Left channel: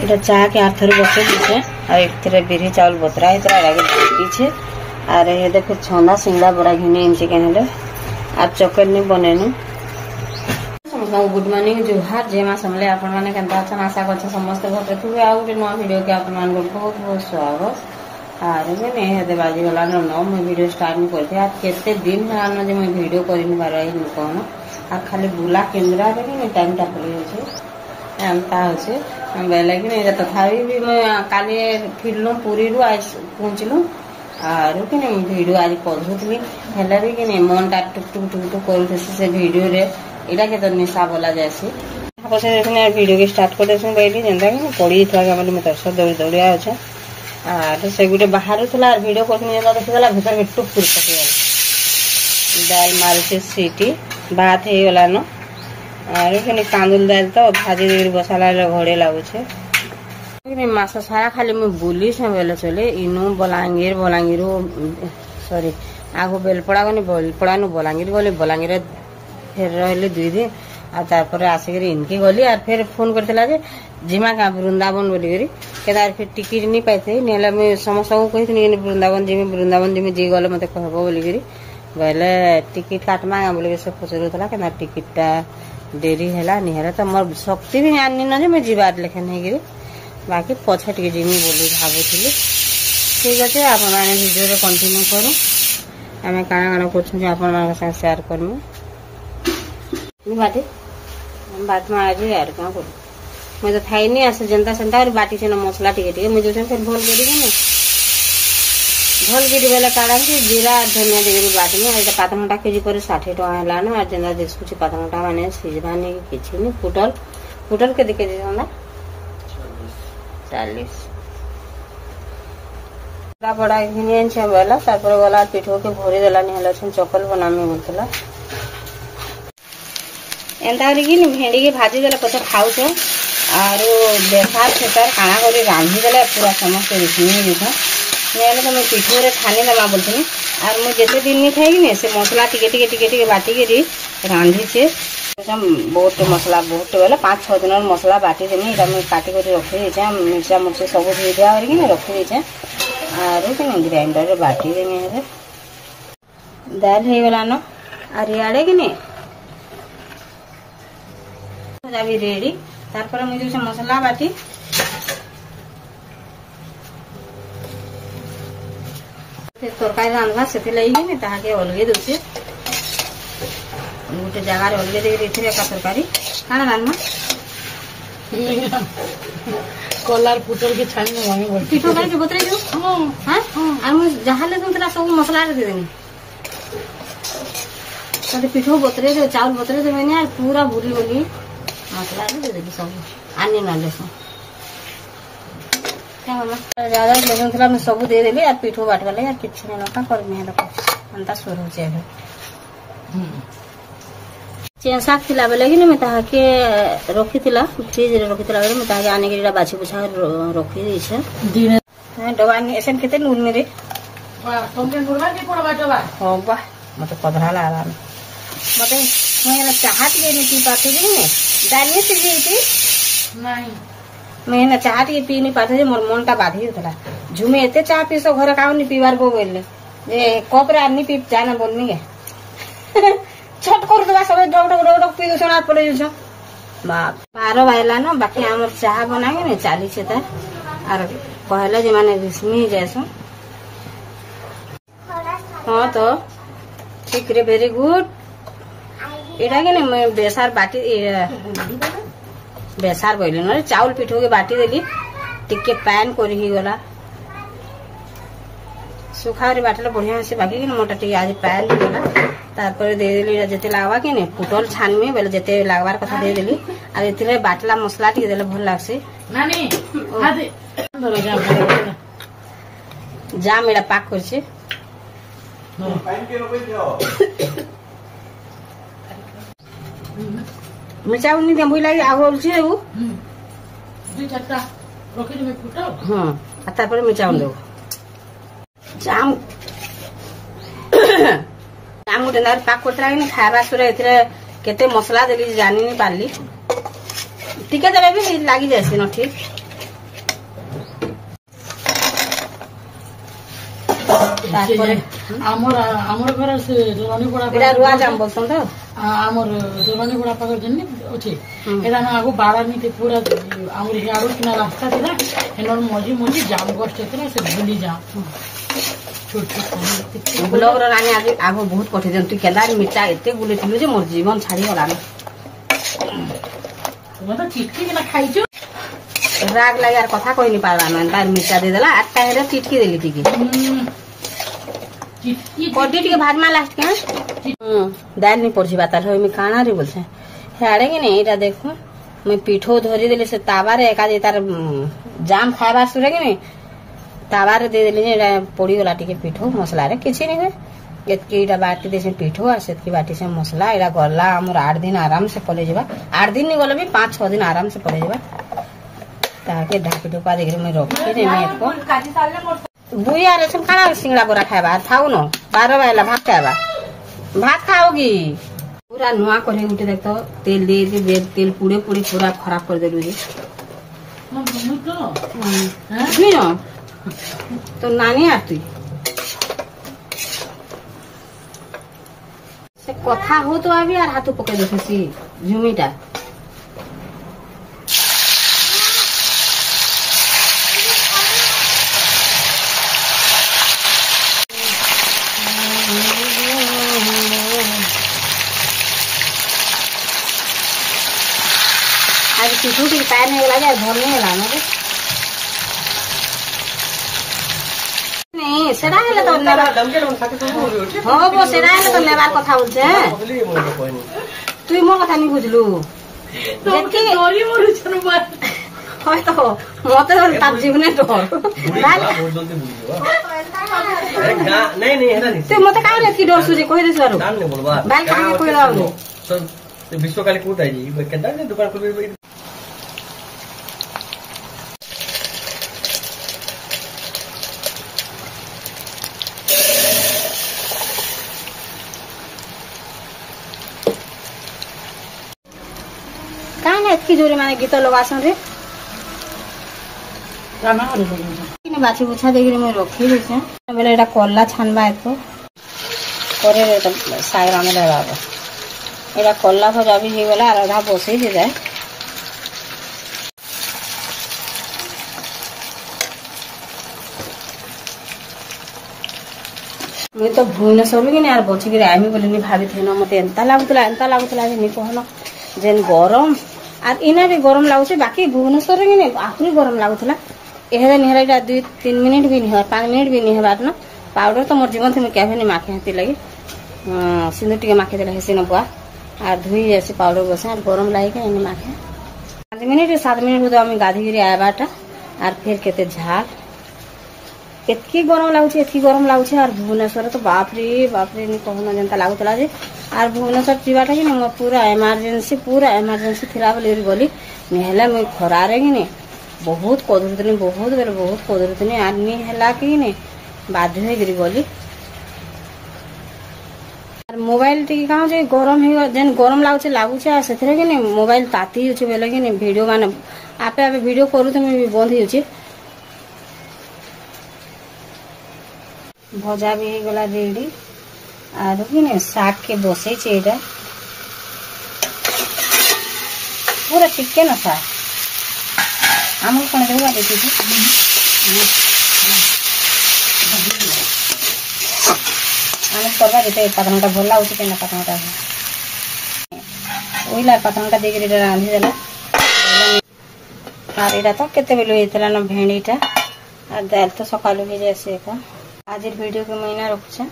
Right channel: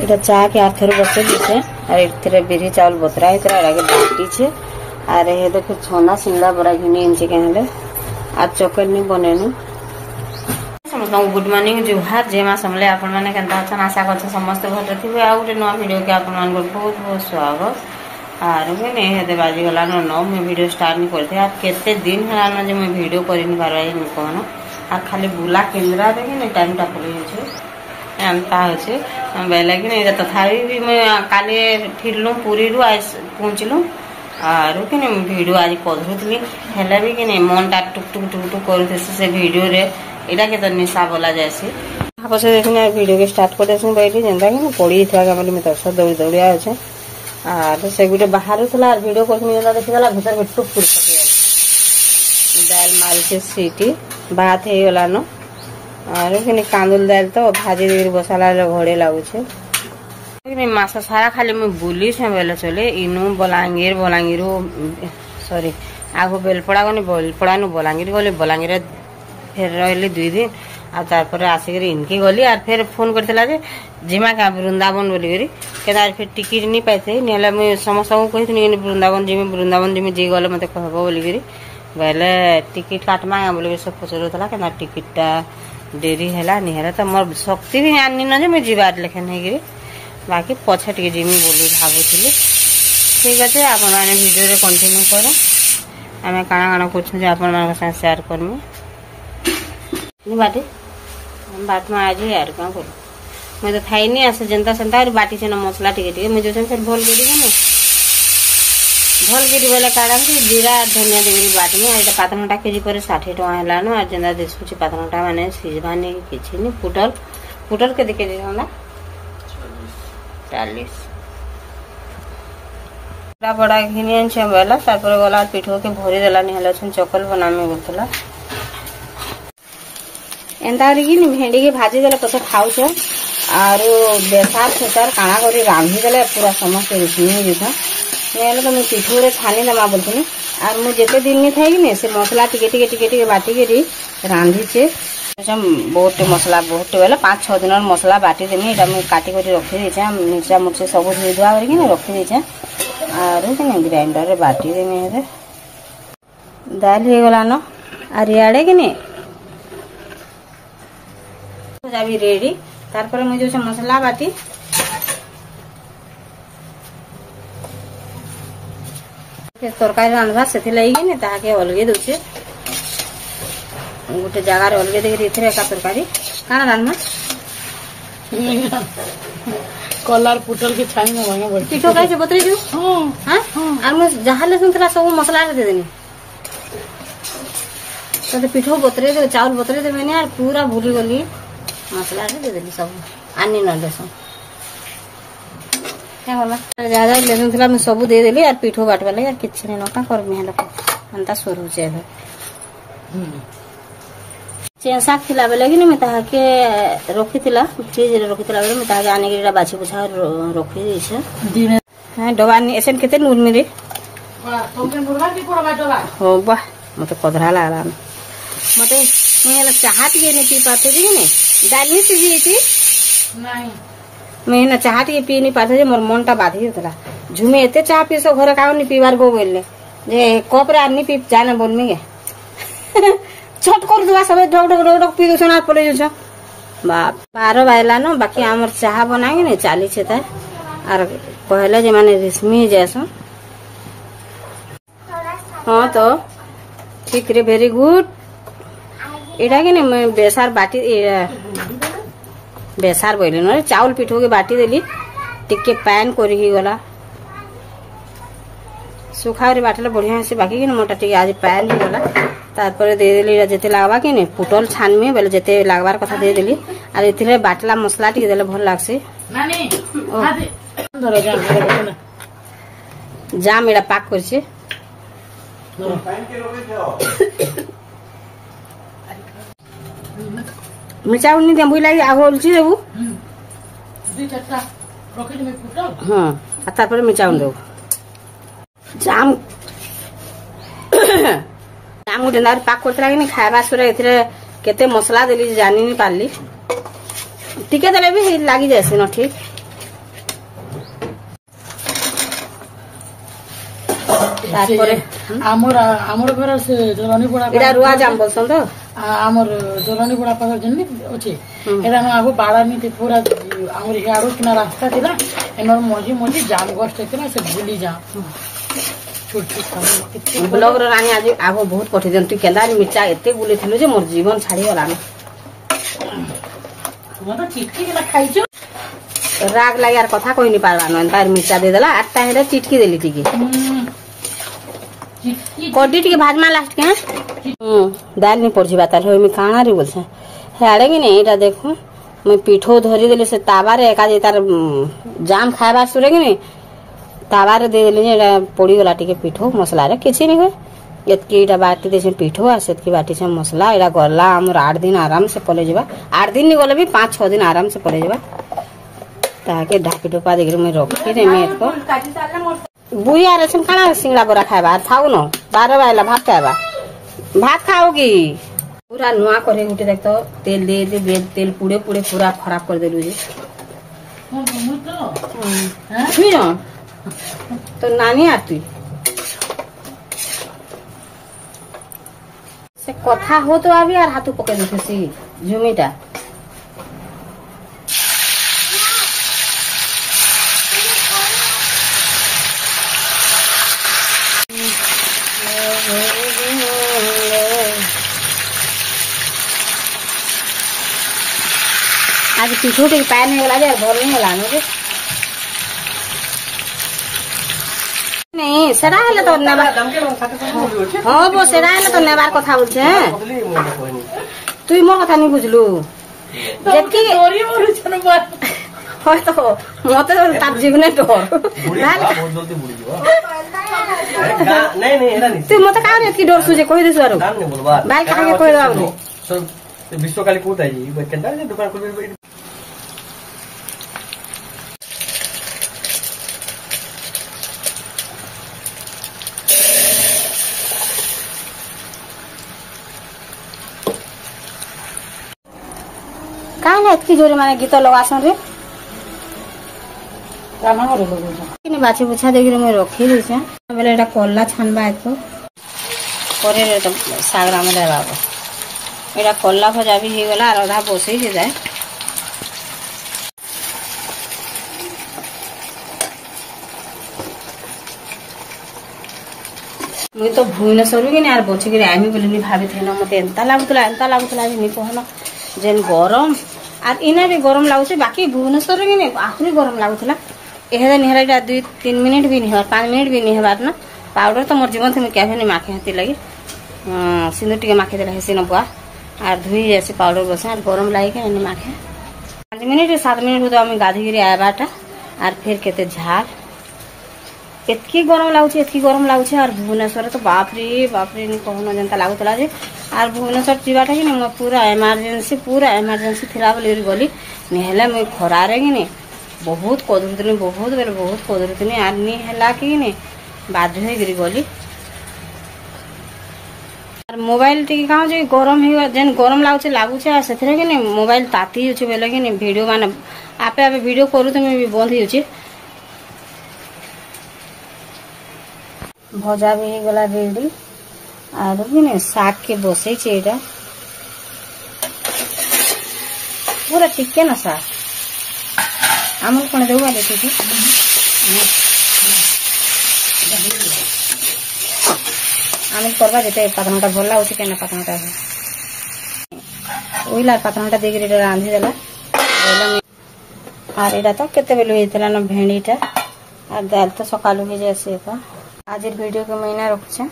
इटा चाह के आर थर बसे दीछे और एक बिरी चावल बतरा आगे बाटी छे और ये देखो छंदा सिंगड़ा बड़ा घिने इंचे कहले आज चॉकलेट नहीं बनेनु समस्त गुड मॉर्निंग जुहार जय मां समले आपण माने केनता अछन आशा करछ समस्त घर थिबे आ गुटे नवा वीडियो के आपण मान बहुत बहुत स्वागत आर मैंने हेदे बाजी गला न मैं वीडियो स्टार्ट नहीं करथे आज केते दिन हलान जे मैं वीडियो करि नि पारबाई नि कोन आ खाली बुला केंद्रा रे कि टाइम ता पड़े छे एंता होचे बेले कि नहीं तथापि भी मैं काली फिरलु पुरी रु आज पहुंचलु आर कि वीडियो आज करूली हेले भी कि मन टा टुक टुक टुक टुक कर से वीडियो रे इटा के तो निशा बोला जैसे पछे देखने वीडियो के स्टार्ट करते बैठी जेनता कि पड़ी था कि मैं तो सब दौड़ी दौड़ी आछे आर से गुटे बाहर थला वीडियो करथि जेनता देखला भीतर में टुक टुक पके दाल मारी से सीटी भात हे गला न आर कि कांदुल दाल तो भाजी दे बसाला घड़े लागुछे मास सारा खाली मैं बुली से बेले चले इनु बलांगीर सॉरी आगो बेलपड़ा गनी बेलपड़ा नु बलांगीर गले बलांगीर फिर रहले 2 दिन आ तारपर आसिक इनके गली और फिर फोन करथिला जे जिमा का वृंदावन बोली करी केदार फिर टिकट नहीं पाइथे नेला मैं समस्त को कहिथनी वृंदावन जिमे जे गले मते कहबो बोली करी बेले टिकट काटमा बोली सब पचरथला केना टिकटटा देरी हैला नि हैला त मोर शक्ति भी आनी न जे मैं जीवार लेखन हे गिरी बाकी पछे टिके जिमी बोली भाबुथिले ठीक अछि आपण माने वीडियो रे कंटिन्यू करू हमें काना काना कुछ जे आपण मान के साथ शेयर करमु नि बाटे हम बात में आज यार का करू मैं तो थाई नहीं आसे जनता संता और बाटी से न मसला टिके मैं जो फिर भोल करी न भोल करी वाला काड़ा के जीरा धनिया देगरी बाटी में एटा पातनटा केजी पर 60 टका हैला न और जनता देसुची पातनटा माने सिजबानी किछि नि पुटल के दिके दिहला 40 बड़ा घिनियन छे बेला तापर गला पिठो के भरी देला नि हला चकल बनामे बोलतला एंता कि भेंडी के भाजी देले पछे खाउछ और बेसार छेतर काना करी रांधी देले पूरा समस्त रिसिनी दिखा नेले तो मैं पिठो रे छानी दमा बोलतनी और मैं जेते दिन में थाई ने से मसला टिके बाटी के रांधी छे बहुत मसला बहुत बेला 5-6 दिन मसला बाटी देनी एटा मैं काटी कर रखी देछे मिर्चा मुर्ची सब धोई धुआ करके रखी देछे और कि ग्राइंडर रे बाटी देनी है दाल हे गला न और याडे कि नहीं अभी रेडी तारपर मैं जो मसला बाटी तरकारी रांधवा से लगी ताके अलगे दूसरे गोटे जगार अलगे देरी का तरकारी काना रांधना कलर पुटल की छानी में मांगे बोल पिठो कैसे बतरे जो हां और मैं जहां लेसन तला सब मसला दे देनी तो पिठो बतरे दे चावल बतरे दे मैंने यार पूरा भूल गली मसला दे देली सब आनी न लेसन क्या होला ज्यादा लेसन तला मैं सब दे देली और पिठो बाट वाले यार किछ नहीं नका कर में हला अंता सोरू छे चेंसा थिला बेले कि मैं ताहा के रखी थिला फ्रिज रे रखी थिला बेले मैं ताहा के आने के बाछी बुछा रखी दै छै दिन हां डबा नि एसन केते नूर मेरे वाह तुमके नूरवा के पड़वा डबा हो वाह मते कदरा लागला मते मैं चाहत के नहीं पी पाते कि नहीं डालिए से जी नहीं मैं ना चाहत के पी नहीं पाते मोर मनटा बाधी होतला झुमे एते चाह पी सो घरे काउ नहीं पीवार गो बोलले जे कप रे आनी पी जाने बोलनी के छट कर दवा सब ढोक पी दो ना पड़े जो बाप 12 बाजला न बाकी हमर चाह बनाए ने 40 छे त और पहले जे माने रेशमी जैसो हां तो ठीक रे वेरी गुड एटा के ने मैं बेसार बाटी बेसार बोले न चावल पिठो के बाटी देली टिके पैन करी ही गला सुखावरी बाटले बढ़िया से बाकी के मोटा टिके आज पैन ही गला तारपर दे देली जते लागबा कि ने पुटल छान में बेले जते लागबार कथा दे देली और इथिले बाटला मसला टिके देले भल लागसे नानी हादे धरो जा मेरा पाक करछे पैन के रोबे जाओ मिर्चा उन्नी दे बुई लागी आगो उलची देबू दी टक्का रखि दे पुटल हां आ तारपर मिर्चा उन देबू जाम आम गोटे नारी पाक करतला कि खावा सरे एथरे केते मसला देली जानि नि पारली टिके देबे भी लागी जासे न ठीक तारपरे हमर हमर घर से जोरनी बड़ा एटा रुआ जाम बोलसन तो हमर जोरनी बड़ा पाकर जन्नी अछि एरा न आगो बाड़ा नी पूरा हमर हियाडो किना रास्ता थिला एनर मोजी मोजी जाम गोष्ट थिला से भूली जा छोट छोट ब्लॉग रो रानी आज आबो बहुत कठि जन तू केदार मिर्चा एते बुलेथिलु जे मोर जीवन छाड़ी गला तुम तो चिटकी गेला खाइजो राग लाग यार कथा कोई नहीं पाला मन तार मिर्चा दे देला आटा हेरे चिटकी देली टिके चिटकी कोडी टिके भाजमा लास्ट के दाल नहीं पड़छि बाताल होय में काना रे बोलछे हेड़े कि नहीं एटा देखो मैं पीठो धरी देले से तावा रे एका जे तार जाम खाइबा सुरे कि नहीं तावा रे दे देली एटा पड़ी गला टिके पीठो मसला रे किछि नहीं होय एतकी एटा बाटी देसे पीठो आ सेतकी बाटी से मसला एटा गला हमर 8 दिन आराम से पले जेबा 8 दिन नहीं गले भी 5-6 दिन आराम से पले जेबा ताके ढाकी टोपा देख मैं रखी रे मैं को बुई आ रे सुन खाना सिंगड़ा बरा खाइबा थाउ न 12 बायला भात खाइबा भात खाओगी पूरा नुआ करे उठे देख तो तेल दे दे तेल पुड़े पुड़े पूरा खराब कर देलु जी तो नानी आती से कथा हो तो अभी यार हाथ पके देखसी झुमीटा आज पीछू टिक पैर नहीं गला यार भोर नहीं गला नहीं सेरा हेले तो नेबा हो वो सेरा हेले तो नेबा कथा होछे तुई मोर कथा नहीं बुझलु जेतकी डोरी मोर छन बात होय तो मते ताप जीवने डर नहीं नहीं एरा नहीं तुई मते का रे की डर सुजे कहि देस बारू नाम नहीं बोलबा भाई का कहि दाऊ चल विश्वकाली कोट है जी केदा दुकान खोलबे काहे एतकी जोरे माने गीत लगासन रे रामा रे लोग किने बाछी बुछा देख रे मैं रखी देछे बेले एटा कोल्ला छानबा एको करे रे तो सागरा में लेबाबो एटा कोल्ला भजा भी हे गेला आधा बसई जे जाय मैं तो भुवनेश्वर भी यार बची के आइमी बोली भाभी थे ना मते एंता लागुतला जे नि कहना जेन गरम आर इना भी गरम लागुছে बाकी भुवनेश्वर के ने आखरी गरम लागुतला एहे निहराइटा 2-3 मिनिट भी नहीं 5 मिनिट भी नहीं हेबार ना पाउडर तो मोर जीवन थे मैं केभे नहीं माखे हाथी लगी सिंदूर टिके माखे देला हेसी न बुआ आर धुई जैसे पाउडर बसे आर गरम लागे के नहीं माखे 5 मिनिट 7 मिनिट तो हम गाधी गिरी आबाटा आर फिर केते झाल एतकी गरम लागुছে आर भुवनेश्वर तो बाप रे नहीं कहना जनता लागुतला जे आर भुवनेश्वर जीवाटा कि नहीं पूरा इमरजेंसी थिला बोली गली निहला मैं खरा रे कि नहीं बहुत कदुरतनी आर नहीं हला कि नहीं बाध्य हो गिरी गली आर मोबाइल टिके का जे गरम ही जेन गरम लागुছে आ सेथरे कि नहीं मोबाइल ताती होचे बेले कि नहीं वीडियो माने आपे वीडियो करू तो मैं भी बंद होचे भजा भी गला रेडी आर कि नहीं साग के बसई छेटा पूरा टिके ना साग आमल कोन देबा देखि छी आमल करबा देते पतनटा भला होची केना पतनटा ओइला पतनटा देख रे रांधी देला आर एटा तो केते बेलु हेतला न भेंडीटा आर दाल तो सकालु हो जासे का आज वीडियो के महीना रखछे।